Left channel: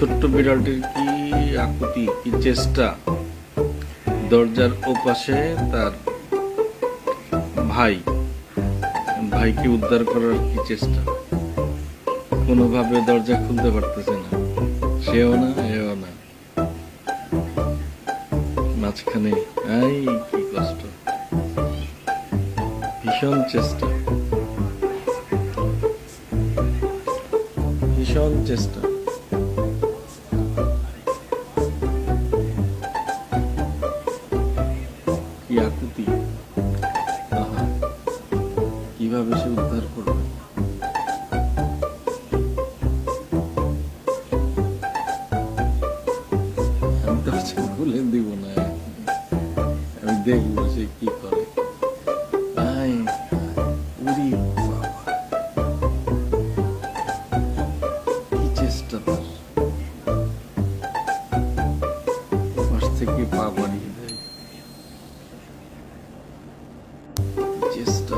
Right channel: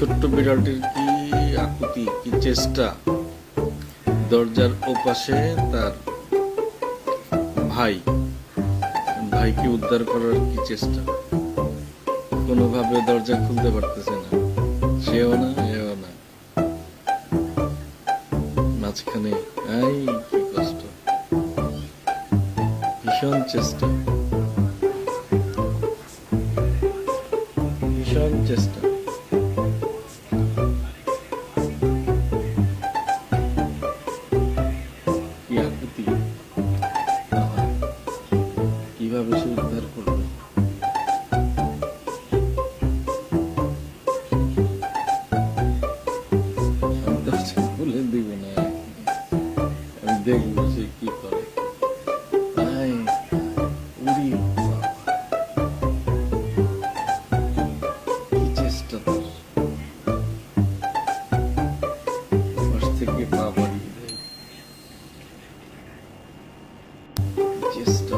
ছোট্ট বিড়ালটির কি আকুতি, কি চেষ্টা! দরজার ওপাশে তার ভাইকে উদ্ধার করার কি চেষ্টা! কোনোভাবে দরজা খুলতে পারতেছে না, সেও না এও না, মাঝখানে। কি কষ্ট! ভীষণ চেষ্টা, ভীষণ চেষ্টা। কি আকুতি! কিভাবে সে উদ্ধার করবে? আমি দরজা খুলে দিব না, আমি দেখবো সে কি করে। উড়ি বাবা, কি চেষ্টা তার! পাশ থেকে পা বাড়িয়ে দেয়, কি চেষ্টা!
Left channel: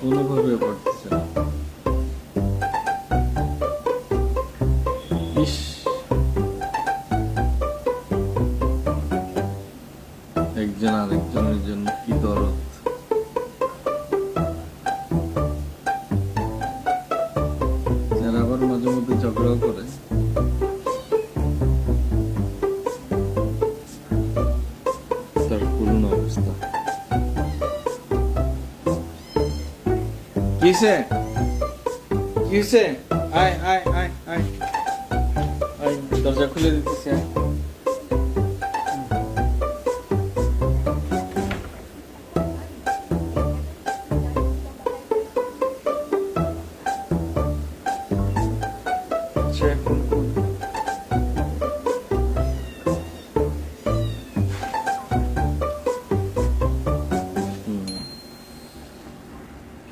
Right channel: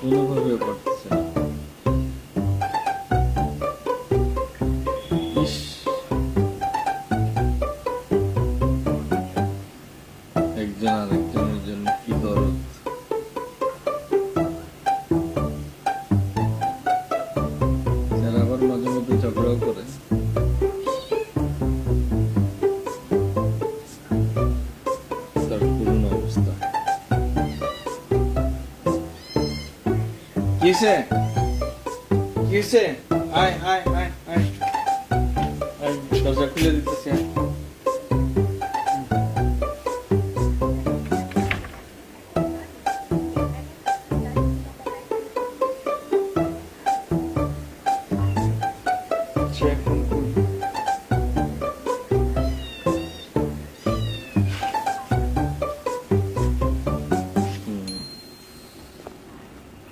কোনোভাবে পারতেছে না। ইস, একজন আরেকজনের জন্য কি দরদ! যারা আবার মাঝে মধ্যে ঝগড়াও করে। তার করুণ অবস্থা। কিসে কিসে? আয় আয় আয় আয় আয়, দরজা খুলে দিতেছে।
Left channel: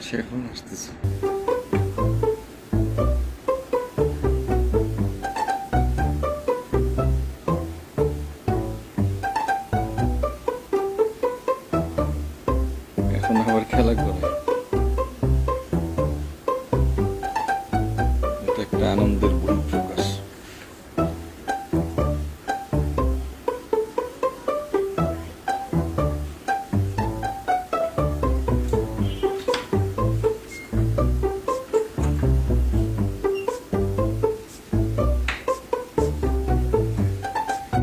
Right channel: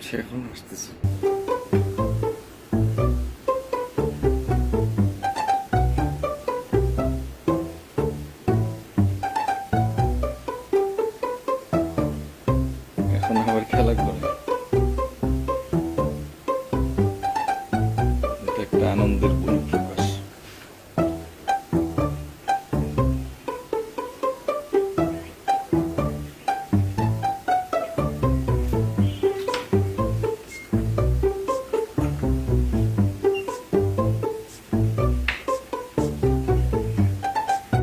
সে এখন আসতেছে। এখন আবার খেলা করে। এটা একটা আনন্দের বহিঃপ্রকাশ।